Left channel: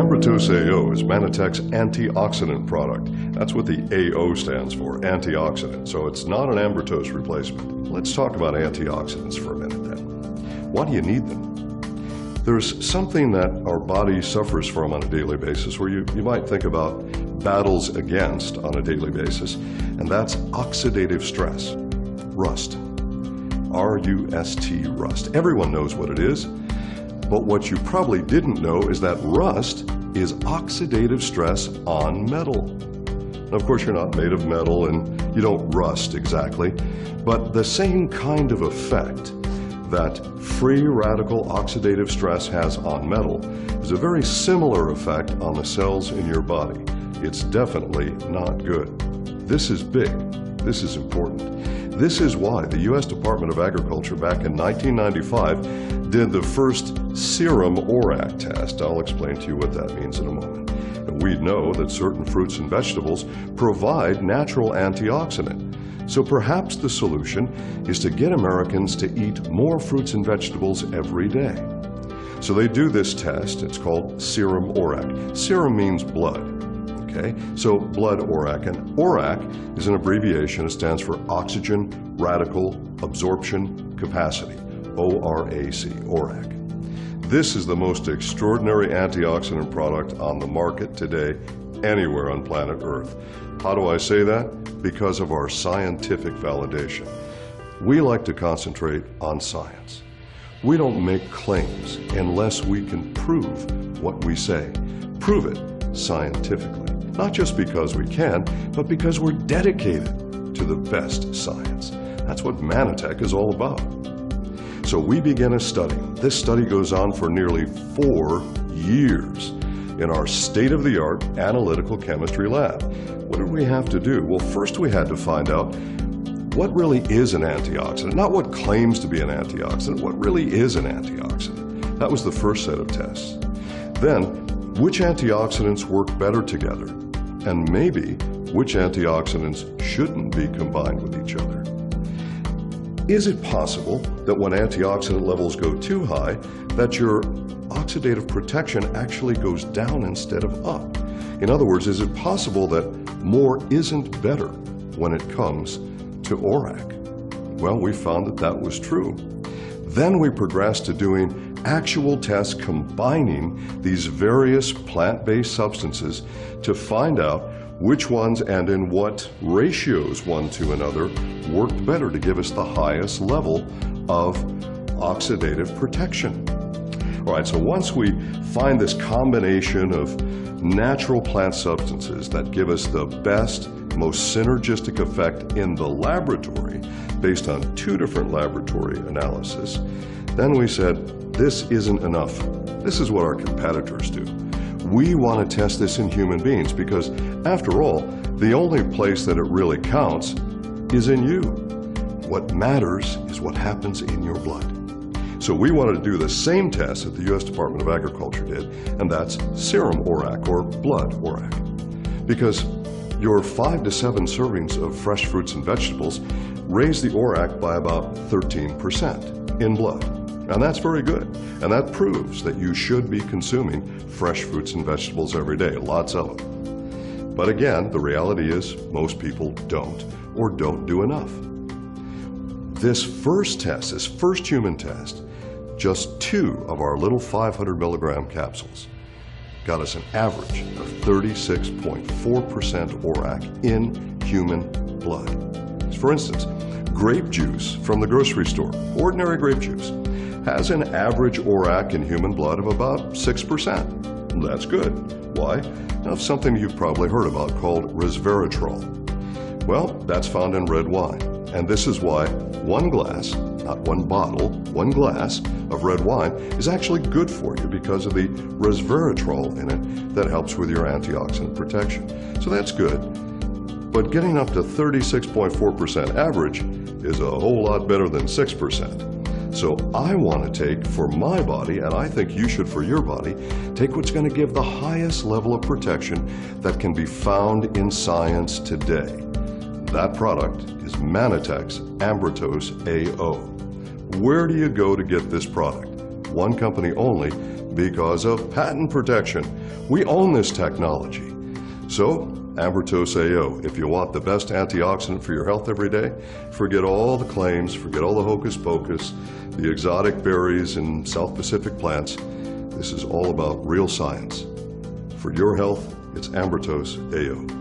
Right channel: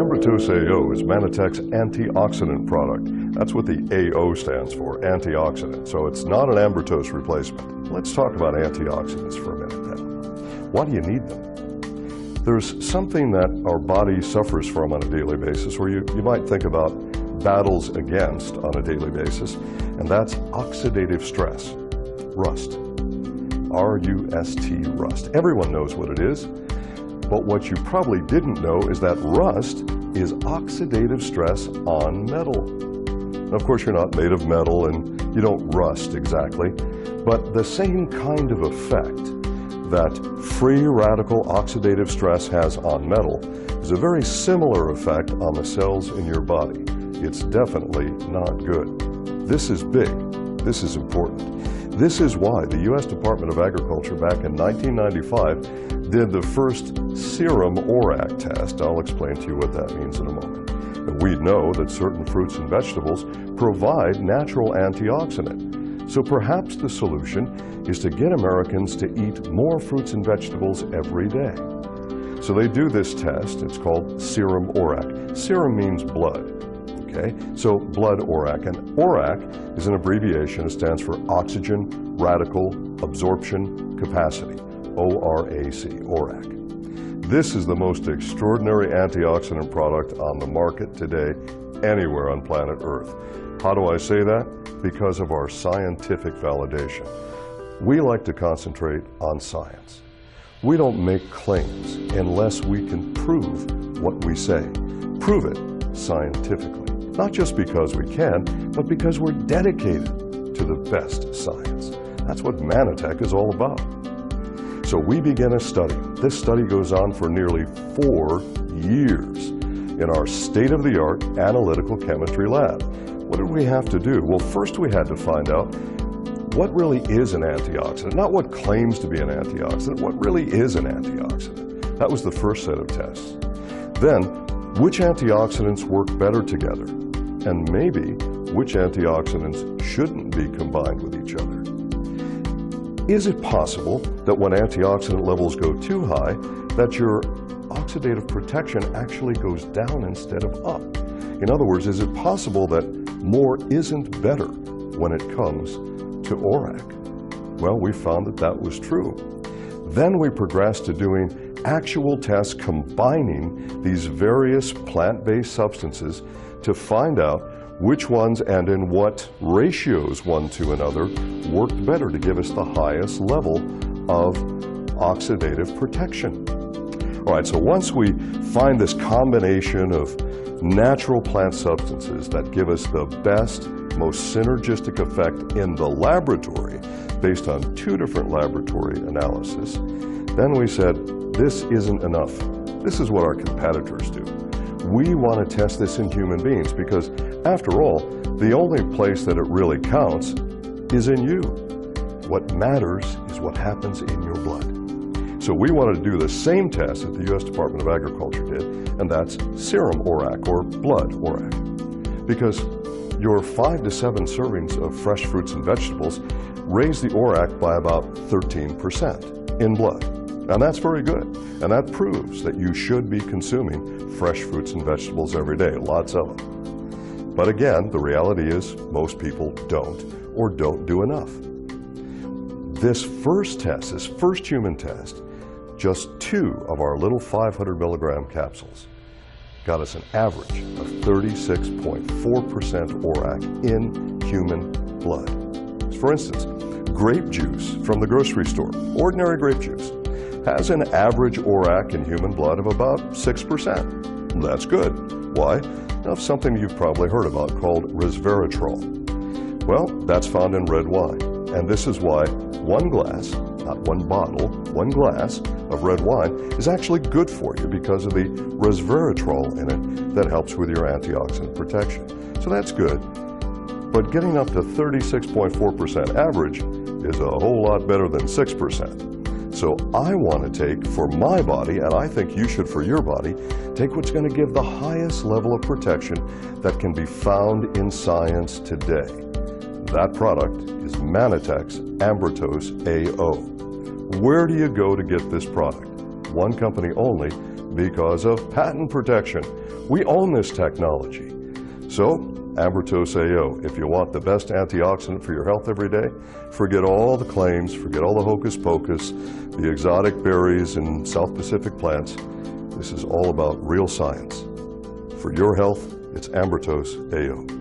Ambrotose AO is Manitech's antioxidant product. That's what the AO stands for, antioxidant. So it's not an Ambrotose replacement. Let's talk about antioxidants for a minute then. Why do you need them? There's something that our body suffers from on a daily basis where you might think about battles against on a daily basis, and that's oxidative stress, rust. R-U-S-T, rust. Everyone knows what it is, but what you probably didn't know is that rust is oxidative stress on metal. Now, of course, you're not made of metal and you don't rust exactly, but the same kind of effect that free radical oxidative stress has on metal is a very similar effect on the cells in your body. It's definitely not good. This is big. This is important. This is why the U.S. Department of Agriculture back in 1995 did the first serum ORAC test. I'll explain to you what that means in a moment. And we know that certain fruits and vegetables provide natural antioxidant. So perhaps the solution is to get Americans to eat more fruits and vegetables every day. So they do this test. It's called serum ORAC. Serum means blood. Okay, so blood ORAC, and ORAC is an abbreviation. It stands for Oxygen Radical Absorption Capacity, ORAC, ORAC. This is the most extraordinary antioxidant product on the market today, anywhere on planet Earth. How do I say that? Because of our scientific validation. We like to concentrate on science. We don't make claims unless we can prove what we say. Prove it scientifically. Not just because we can, but because we're dedicated to the best science. That's what Manitech is all about. So we begin a study. This study goes on for nearly 4 years in our state-of-the-art analytical chemistry lab. What did we have to do? Well, first we had to find out what really is an antioxidant, not what claims to be an antioxidant, what really is an antioxidant. That was the first set of tests. Then, which antioxidants work better together? And maybe which antioxidants shouldn't be combined with each other. Is it possible that when antioxidant levels go too high, that your oxidative protection actually goes down instead of up? In other words, is it possible that more isn't better when it comes to ORAC? Well, we found that that was true. Then we progressed to doing actual tests combining these various plant-based substances to find out which ones and in what ratios one to another worked better to give us the highest level of oxidative protection. All right, so once we find this combination of natural plant substances that give us the best, most synergistic effect in the laboratory based on 2 different laboratory analyses, then we said, this isn't enough. This is what our competitors do. We want to test this in human beings because, after all, the only place that it really counts is in you. What matters is what happens in your blood. So we wanted to do the same test that the U.S. Department of Agriculture did, and that's serum ORAC, or blood ORAC. Because your 5 to 7 servings of fresh fruits and vegetables raise the ORAC by about 13% in blood. And that's very good. And that proves that you should be consuming fresh fruits and vegetables every day, lots of them. But again, the reality is most people don't, or don't do enough. This first test, this first human test, just 2 of our little 500 milligram capsules got us an average of 36.4% ORAC in human blood. For instance, grape juice from the grocery store, ordinary grape juice, has an average ORAC in human blood of about 6%. That's good. Why? Now, something you've probably heard about called resveratrol. Well, that's found in red wine. And this is why 1 glass, not 1 bottle, 1 glass of red wine is actually good for you because of the resveratrol in it that helps with your antioxidant protection. So that's good. But getting up to 36.4% average is a whole lot better than 6%. So I want to take for my body, and I think you should for your body, take what's going to give the highest level of protection that can be found in science today. That product is Manitech's Ambrotose AO. Where do you go to get this product? One company only, Because of patent protection. We own this technology. So, Ambertose AO, if you want the best antioxidant for your health every day, forget all the claims, forget all the hocus pocus, the exotic berries and South Pacific plants. This is all about real science. For your health, it's Ambertose AO.